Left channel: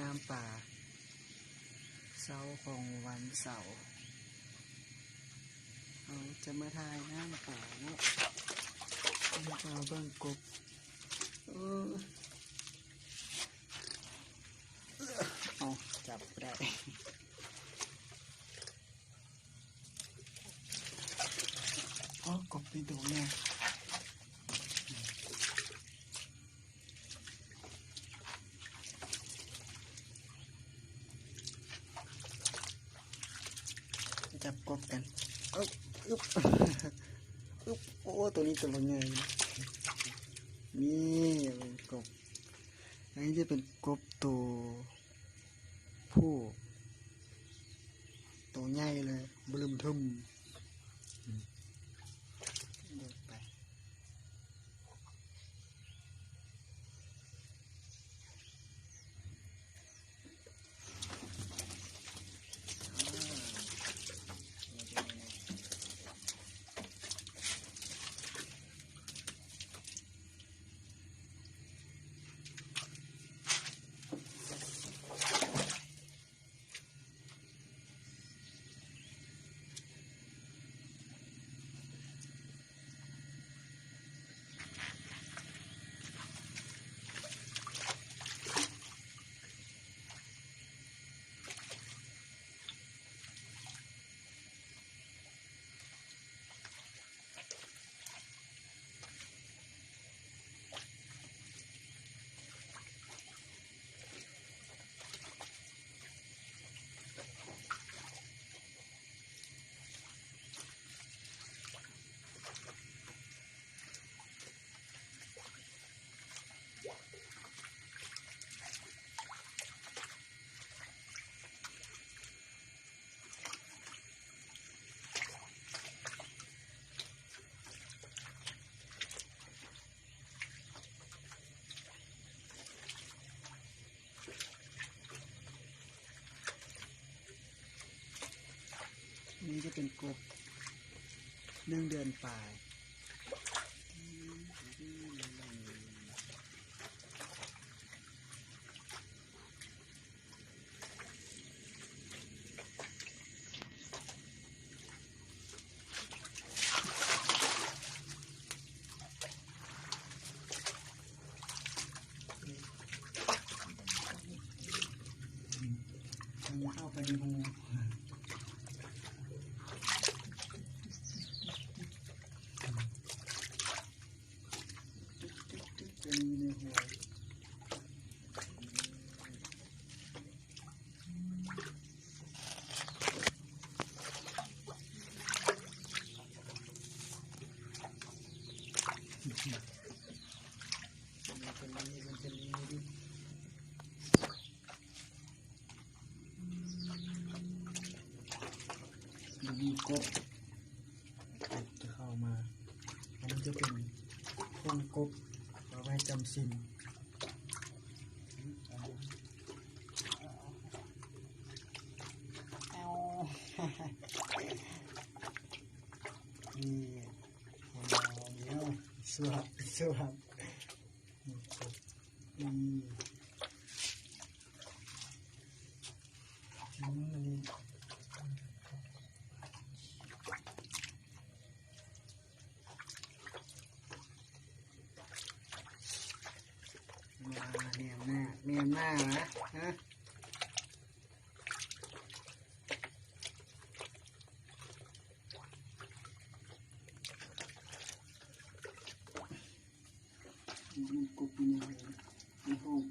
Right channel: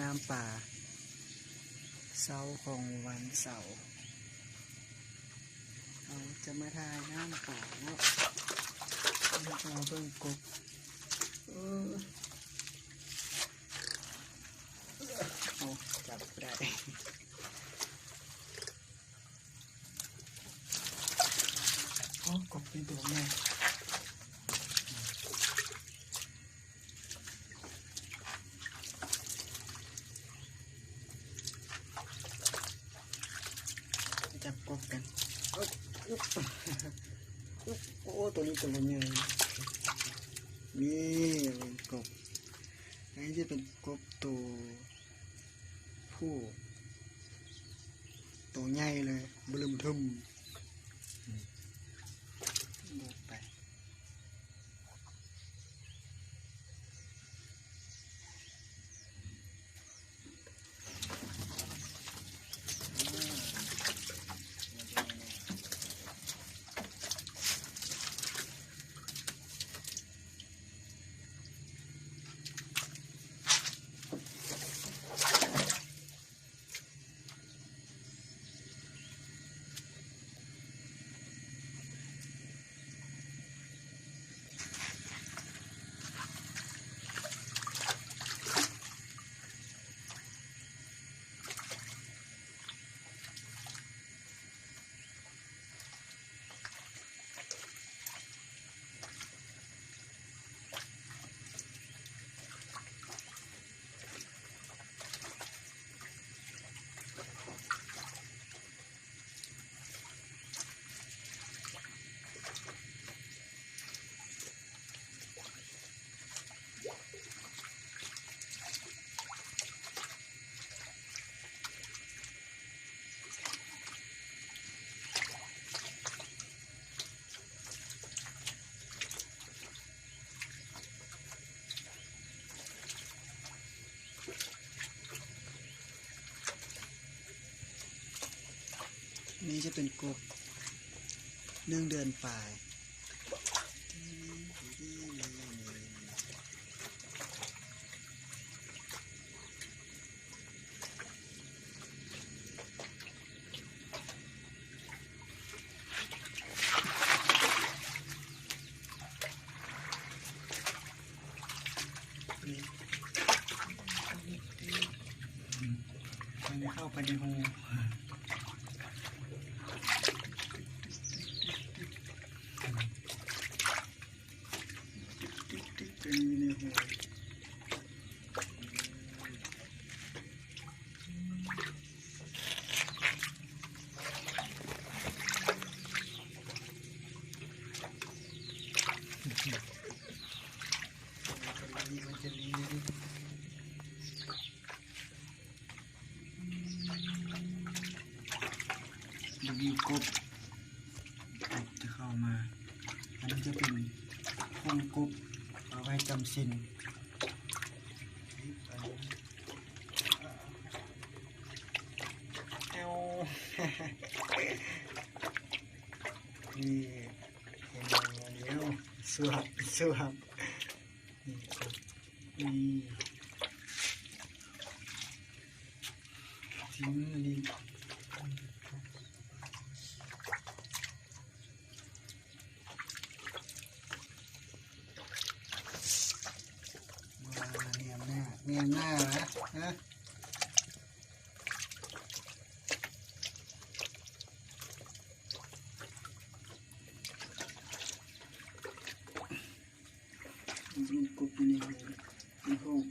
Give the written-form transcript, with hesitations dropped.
น้ำป่าเสาร์ของวันเสาร์เราจะมาทายน้ำป่าเนาะเราเบิ่งกบเอาจับได้กบเป็นตัวแม่จับกบกันโอ้ตัวนี้ตัวใหญ่นี่กบอันนี้จะเป็นกบตัวผู้ตัวใหญ่เลยบึ้มทึมไปนี่จะเป็นกบ1 เดือนปลายมันเข้าไปในหูมีกบจะเข้ามาอันนี้จะเป็นพวงกบเอาไว้จำศีลเอานี่เดี๋ยวสวบนี่ทิ้งมันดีเนียมหน้านะกบในห้อง